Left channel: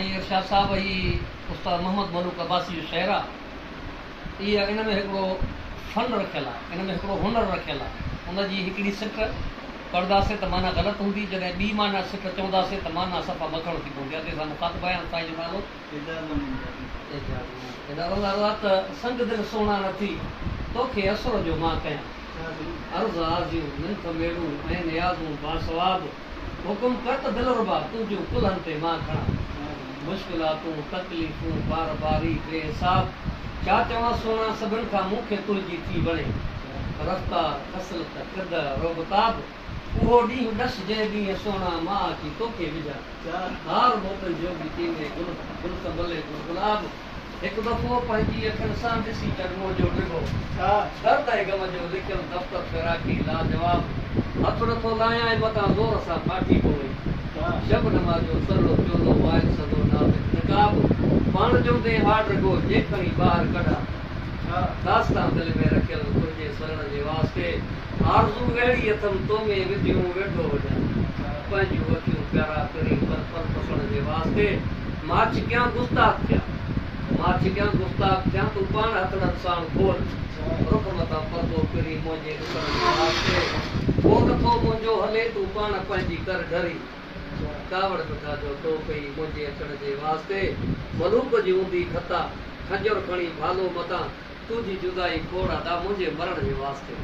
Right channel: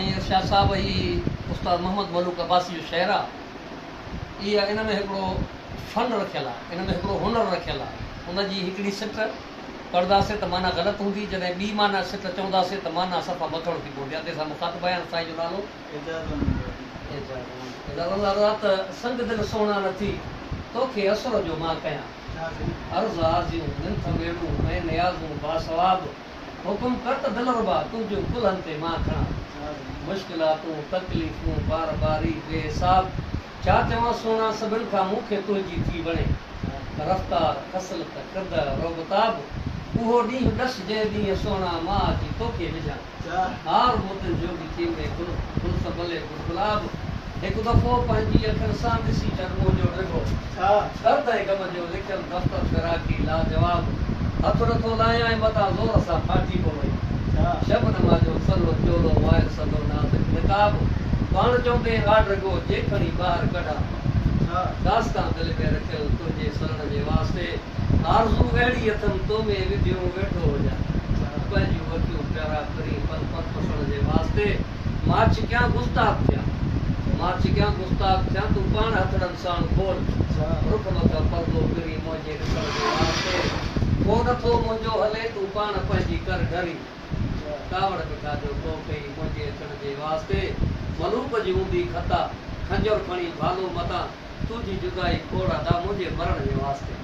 इरशाद साहब ही उस्ताद मोहम्मद मलूक अब्बासी जो शहर आहे इहा इन में हिकिड़ो फन रखियल आहे, इन में हिकिड़ो हुनर रखियल आहे। उनजी हिकिड़ी सिट पढ़ंदासीं त माना ग़लति हूंदी, जॾहिं ॿी माना सिट चवंदासीं त माना सफ़ा मथण थी पवंदी आहे। तंहिंसां मुखातिब आहियां साईं जो नालो त संग दिलि सोना नथी तोखे असर जो मां कयां, अर्ज़ आरज़ियूं मिंथ मेड़ूं ऐं नियाज़ूं बासवाब, हुकुम कर त दिल रुबा तुंहिंजूं कुल्हनि ते मां खणा, मुश्किलातूं तकलीफ़ूं बार बारी बेहिसाब, छा चवां सोना सभिनि खां मूंखे तुंहिंजी थी वणे, रफ़्तार खसलत क़द रोबताब, उहो ॾींहुं ॾस जंहिं ॾींहुं सोना मां अची तोखे विझां, हार मोतनि जो बि थींदे गुल संभले गुलाब, हिकु दफ़ो पंहिंजी अखियुनि सां ॾिसी चङो जो डिघो, दर्द ऐं गम जो लिखियलु दफ़्तर फिराकी लाजवाब, हथु नथो लायां ऐं मथां ज़ोर सां फाटी पवे, शबनमा जो सलो प्योलो वाइल सदो नाज़िक निकाब, पाण चवंदे हा डिघो जे खणी ॿाहिरि कढां, दास्तां दिलि में रखियल तुंहिंजे सरण जे वास्ते, आरज़ू अहिड़ी अथमि तो में विधियूं वेठो हुजां, पंहिंजूं अखियूं प्यारा करी पर पसण जे वास्ते, मां छिकियां गुस्ताख़ थियां, मां छिकियां गुस्ताख़ थियां, तूं पाण हथड़नि सां खोल, रुख मथां पर्दो किरी मुंहिंजे ॾिसण जे वास्ते, को नथो मुंहिंजो हले तूं पाण पंहिंजी कर ढरी, कावड़ पिठा जो तो पई मुंहिंजे अचण जे वास्ते, मलूक जी हूंदी खता, खंजर खणी भालो मतां, तुंहिंजी जुदाई खोड़ा दा मुंहिंजे मरण जे वास्ते।